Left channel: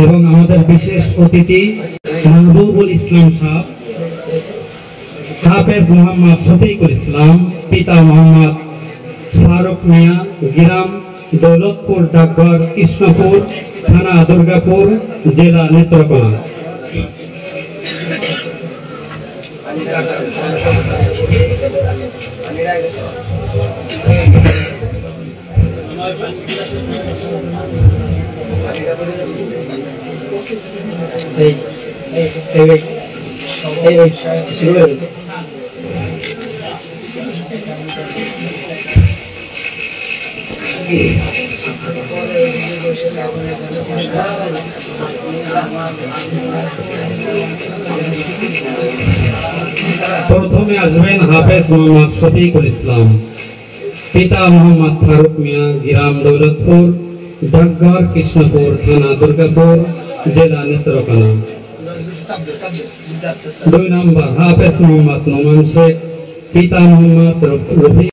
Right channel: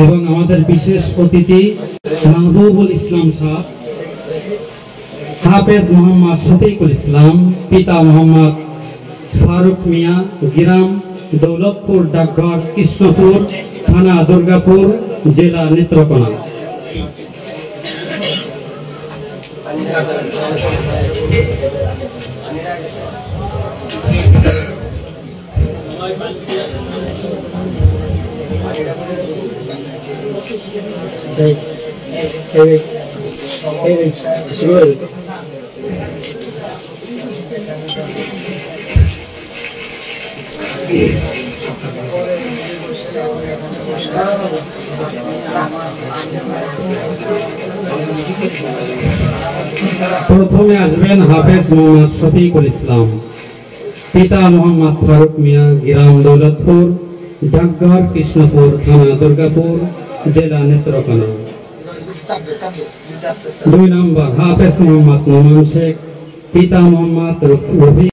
এবং আমাদের বিশেষ অতিথি মাহবুবুল ইসলাম সাহেব, হাফেজ মোহাম্মদ শফিকুল ইসলাম, পিতা মোহাম্মদ ফারুক মিয়া, গ্রাম দৌলতপুর, ডাকঘর কৃষ্ণপুর, থানা দুর্গাপুর, জেলা নেত্রকোনা। প্রথমে আসবেন হাফেজ মোহাম্মদ শফিকুল ইসলাম, পিতা মোহাম্মদ ফারুক মিয়া, গ্রাম দৌলতপুর, ডাকঘর কৃষ্ণপুর, থানা দুর্গাপুর, জেলা নেত্রকোনা। 2 নম্বর হাফেজ মোহাম্মদ নোমান শেখ, পিতা মোহাম্মদ রফি।